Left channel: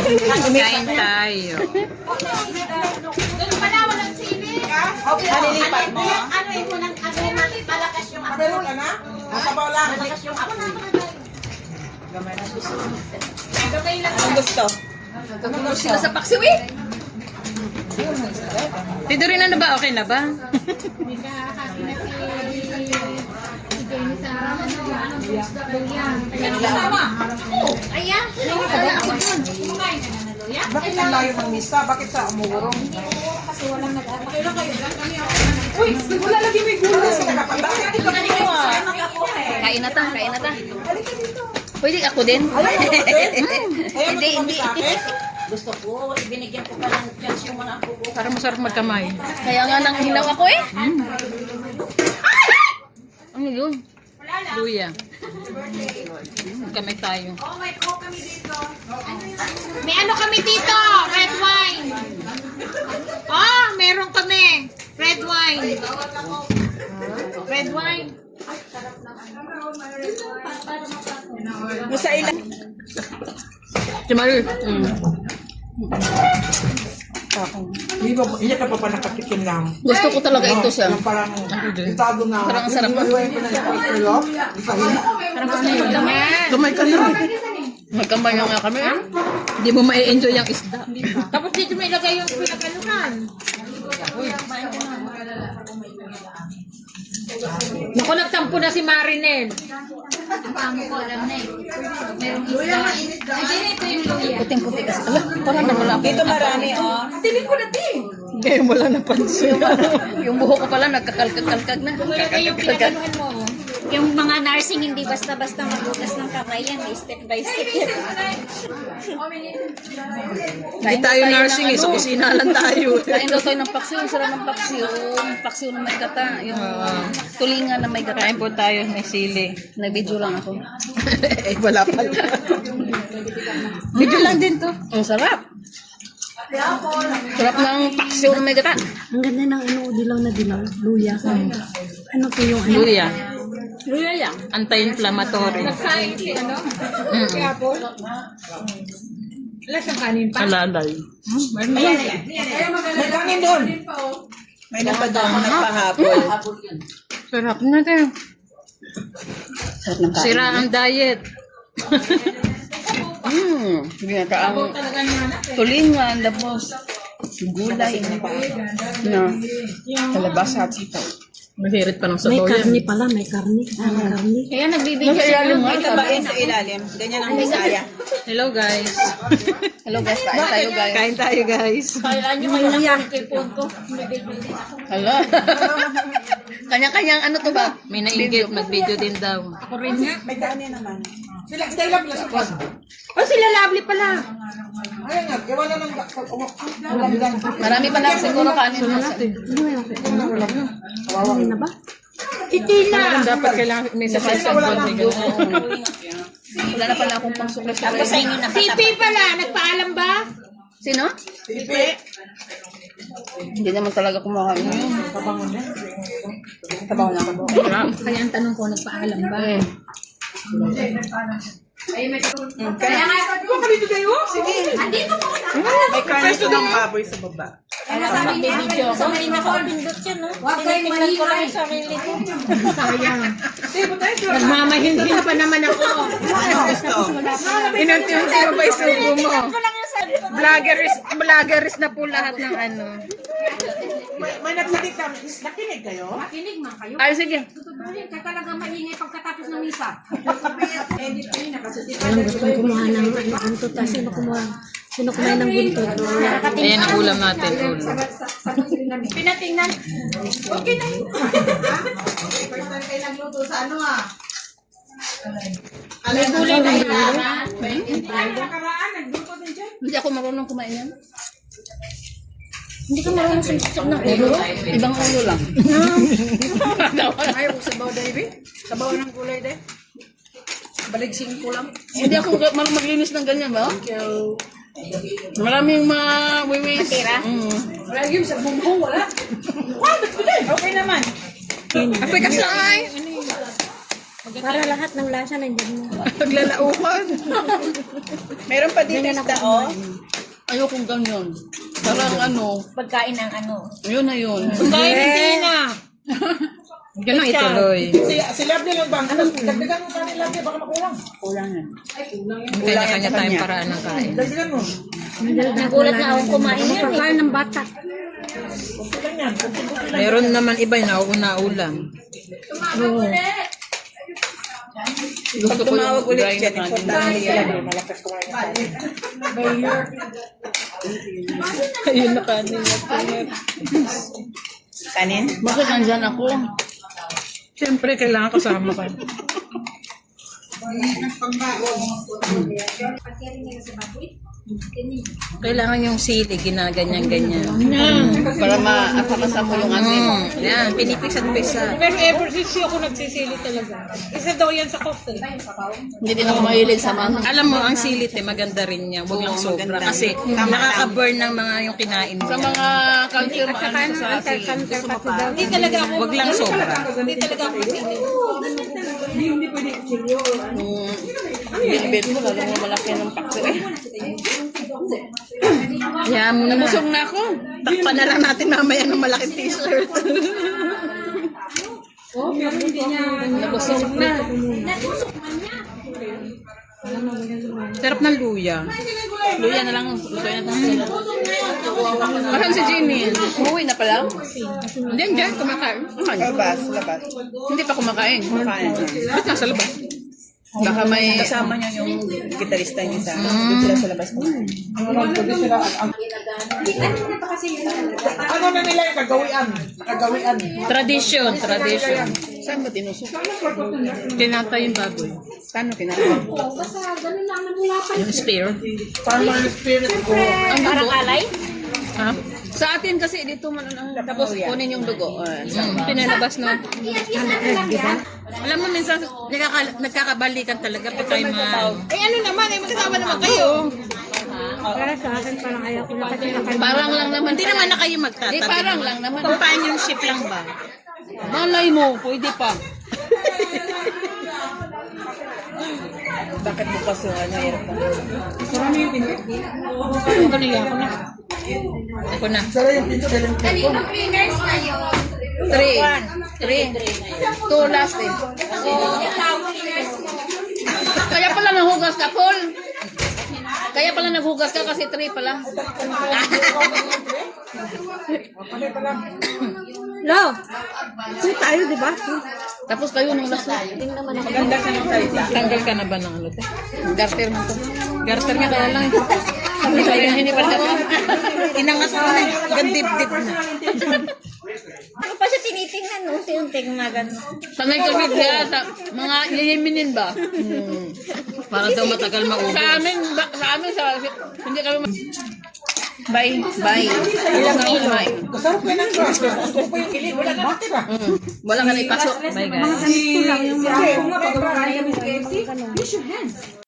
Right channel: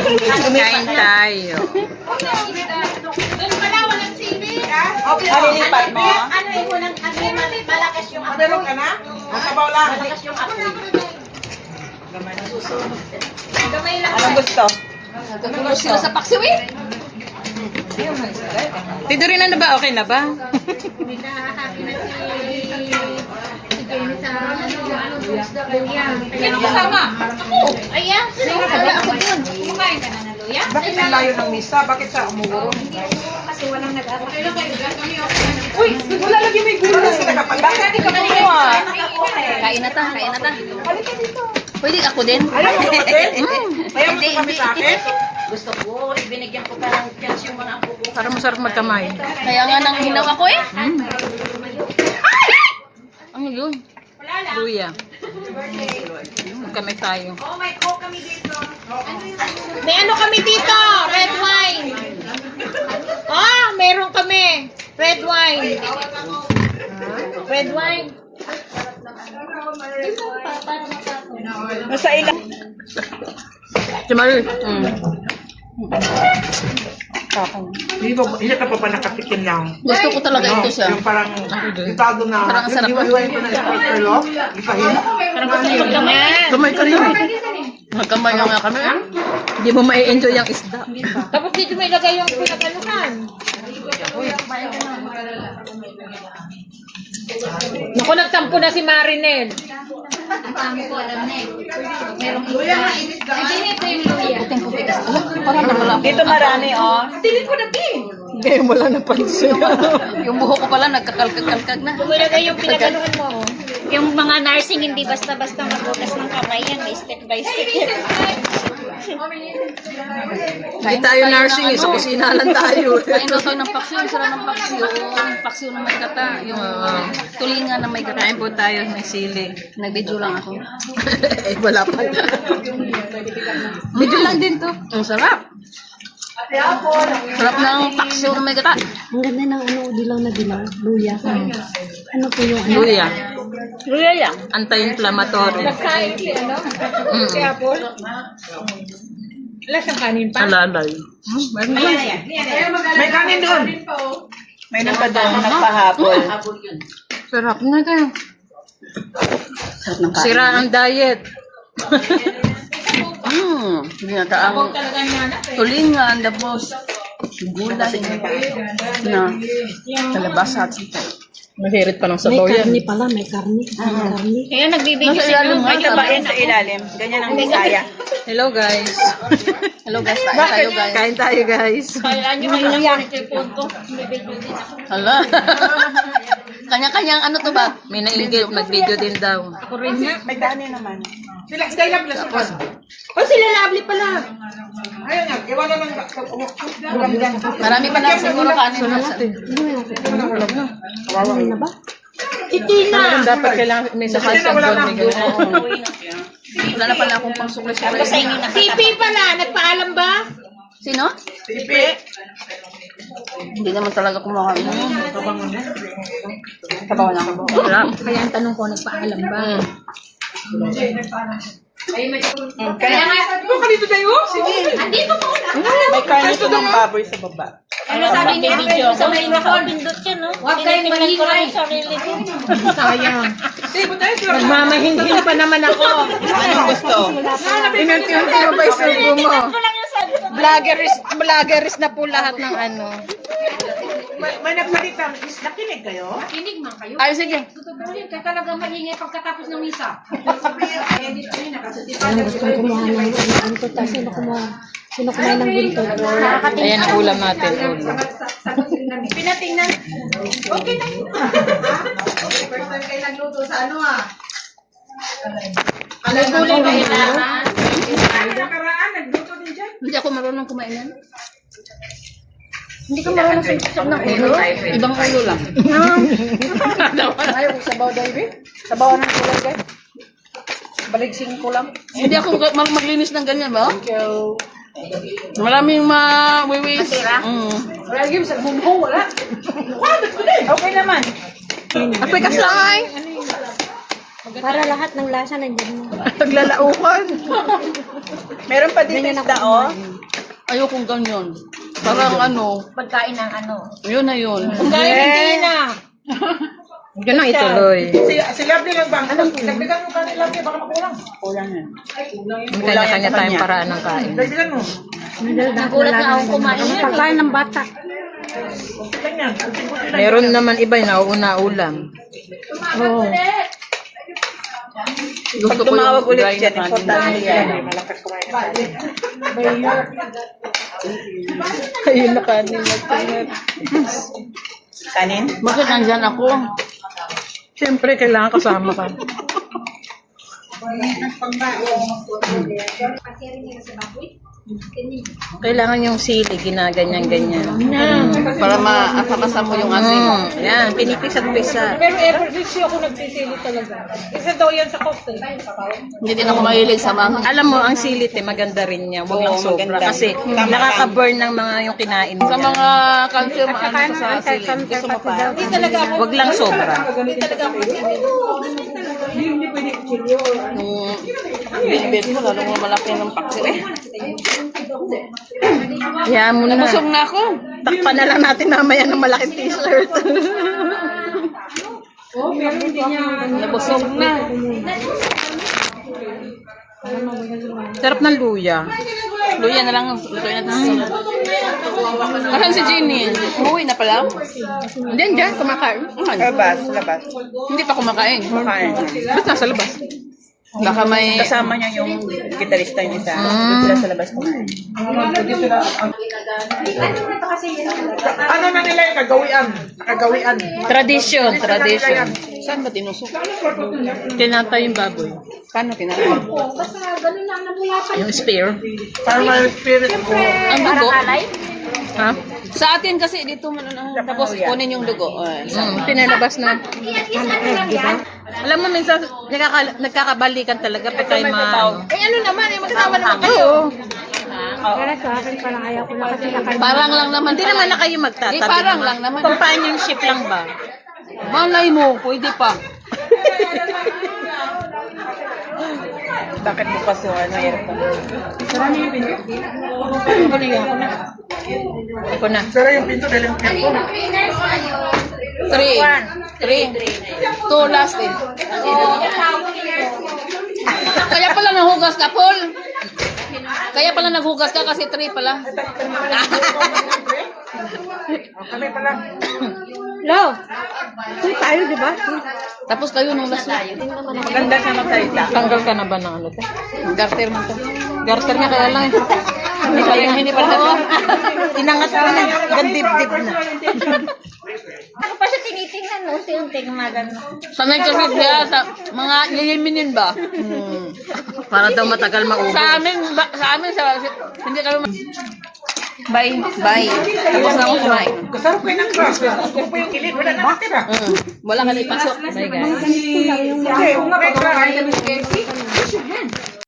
Kain tayo. Doon pala, walang sili. Malilipat mo? Ano yung unang malakas yung apoy? Meron ka na? Masabaw lang. Malakas yung apoy. Gamay lang. Anong gusto? Tutulog sila sa paksiw eh. Tito rin na ba? Okay na ba? Happy na si Jenny sa luya. Sino kasama? Ayan. Kumakain ka na na luya? Bakit ang layo ng misa? Bakit siya umurong? Kasi walang nag-atak. Uy, wala lagi may gulo. Bakit sila kapag? Bakit hindi ka kumuha? Kain na ta, kain na ta. Pwede ako din. Ayaw mo kapatid? Ayaw mo Hindi, kami sa akin? Gusto ko, binigyan ko pa ng chance yung mga apo ko. Para masarap magkamay. Kaya nga nang hilaw ako eh. Ano yun? Luya. Kamay tayo. Oh, may coke kami dito. May ano kami dito? Red wine. Oh, meron kami. Red wine. Red wine. Nasa ilang? Si Marie. Hindi ka pa nakatikim lang. Gusto ko talaga ito siya. Yung parang itago na. Parang ang sarap. Iwan ko na sa pagkalo. Ipahin. Parang gusto ko magkamay. Kamay ka na. Magkamay nga kami eh. Hindi mo mai-enjoy yung isda. Tapos dito may lagay yung pinag-anuhan. Naku, nagtampo na si Marinel. Puting-puti kasi. Ala, parang namalapit. Dito marami, oh. Hindi mo lang napansin. Yung buho ko pala nagkakalkag-kalkag na. Ilagay yung pinag-anuhan mo. Yung mga nursing hindi basta-basta magbukas ng kamay yan, may step by step. Hindi tayo nursing eh, sa kusina lang tayo. Kain daw tayo ng paksiw, sarap ng paksiw. Yung paksiw na may gata, yung tulingan na may gata. Kain po tayo, may sili. Nag-video lang ako. Eh, wala pa. Video lang din to. Ang sarap. Sarap ng paksiw na may gata. Ang ganda ng dilaw na dilaw, luya. Ano po yung Luya. Luya yan. Anti-inflammatory. Nagkain si ano? Si Apple. Wala siyang kanin pa. Alalay. May kanin doon. May napadaan nagpahapol. Sarap na kayo. Sarap ng kain. Sira ang diet. Ginataang tulingan, tapos gulay na kalabasa at sitaw. Mahirit pa ng sabaw yan. karni pala, may karni. Karni. Kaya nagbibigay Nasa ilalim nga. Tabain sa ilalim. Ganyan ang Bisaya. Hello guys. Hello guys. Kain tayo guys. Kain tayo guys. Kailan nyo kayo ng punto. Hala. Kanya-kanyang ano to ba? May nag-video din daw. May kanin naman. Sila, stay lang sila. Oh, sila lovely pala. Ayun nga, gawa na ng ulam. Marami pa lang siguro kanin natin. Ano na ba? Itina. Dapat kailangan may sa Kasi wala lang. Wala na pala akong pangsukli-sukli. Pipi pala, nagpaalam ba? Sino? Pipi. Hindi naman talaga kumakain. Tabaw na. Wala. Kaya ang tanong ko, nagpaalam ba? Kaya nga, ka dito tayo? Sige. Andito po. May kanin ito ng baboy sa baba. Ano sabi niya, video ako. May nakapindot siya, no? Tinitingnan ko lang yung sarili ko. Sayang. Sige, ba tayo sila? Nagmamahinhin pa naman ako. Inunti-unti mo ba isubo mo? Ko lang yung sabi ko. Vloggeris na po lahat ng ano. May nagsalita. Nakinig kayo? Kinig man kayo. Ay, sige. Tutuburin ka talaga maingay pagkatapos ng misa. Ano gusto kong kumuha ng bintot? Sino kumuha ng bintot? Ayan ang ulam natin. Pinatingnan. Okay na yun. First time kayo nagluto sa ano ah. May gulay na kailangan. Ano nakaraan? Nagluto din dyan. Hindi ako marunong kumain yan. Hindi ka marunong sumusok ng ulo? Ibang ulo lang. Ayaw, sabaw David. Sabaw ng kulay David. Baligsing ko lang. Hindi ako maglinis ng ganyan ba? Maraming ma-wiwis. Matira? Wala yung sa bumbo, wala. Okay naman. Aprikas lang ay. Para lahat ng lasa nandyan mo. Paglalaukan. Meron pa dito isda, oh. Ayokong ganyan. Parang ano, Pagkain ng ano. yun na yun. Kaya hindi na. Yun ang ituloy. Si Lovely lang ba? Dagdagan mo kanin, Lovely, baka makulang. May kanya-kanya tayong paraan ng kain. Dagdagan mo. Nagulat na akong kumain yan. Pagkain ng bata. Ganyan. Meron naman iba yung nauuna ulam. Pag tumawag ulit yan, importante yan. Malakas kumain ng kanin. Ayun na kanin. Kanin? Bakit nandyan ako? Siyempre, kailangan kasama ka. Kailangan yung sili, ginaganyan-ganyan. Para maapakasa mo yung ating. Yan, pinipisat-pisat. Pero ever since ako nagsisili talaga. Isa daw yan sa cocktail. Hindi din ako mahilig sa mga. Alam mo, ang silit maganda rin niya. Huwag lang sobra. Kasi nakaka-burn ng mga yung kinain mo. Sa mga calcium, ano sa sili. Gusto mo pa? Hindi talaga ako. Huwag lang sobra. Hindi talaga ako masili. Bilbil mo, lalo mo malaki ng paksi eh. Hayaan mo na. Busog na ako. Takpan na lang natin mamaya ng malaking t-shirt. Nabusog na. Sarap ng luya. Luya na lang. Lutuin natin. Asan si Jenny? Umuwi na pala? Diyan, diyan, kumakain. Labas, labas. Hindi pa kumakain. Kain. Ba't nasa labas? Baka may... Kasama niya yung gitarista yung isa. Doon sila sa labas kumain. Ano na nila yung kagawian? Kagawian. Tradition, tradition. Saan ba tinusok? Tinatay yung baboy. Paano tinatay? Yung spear. Para may spirit ko. Ang dugo? Ha? Sa atin kasi dito tapos kunin yung dugo. Pinalabas na. Alam mo, minsan nagkakabalikan talaga pag tayo Eh ano naman, eh magkatawa naman kayo. Parang lang naman. Hindi naman na kayo magtatabi. parang lang naman. Companionship lang ba? Malay mo, pwede pa. Bakit bukas yung ano yan? Ako na. Pero yung pinto dahil yung pinto. 3. 2 last eh. Kaya pala naghugas ka, Paul. Kaya pala naghugas ka kasi 3 pala. Kami pala. Lo, sweet tayo, di ba? Tapos kayo nung last na. Maganda siya magsalita. Tanggal ka na ba ng ano? Te? Garter man to. Garter nga kaya lang. Hindi tayo hindi pa na. Inangat ka na. Gandib-dib na. Ako pa siya tinitingnan, unti-unti gumagano. Sanay kasi siya sa mga yayiminin ba? Para daw matagal maubos. Sa amin, hindi kami Bye. Tapos na ako kumain. Kasarap kayo ng grass. Kung po yung kilid, wala na matira. Wala ka na ipasok. Bye guys. Kasi kung nga may grass,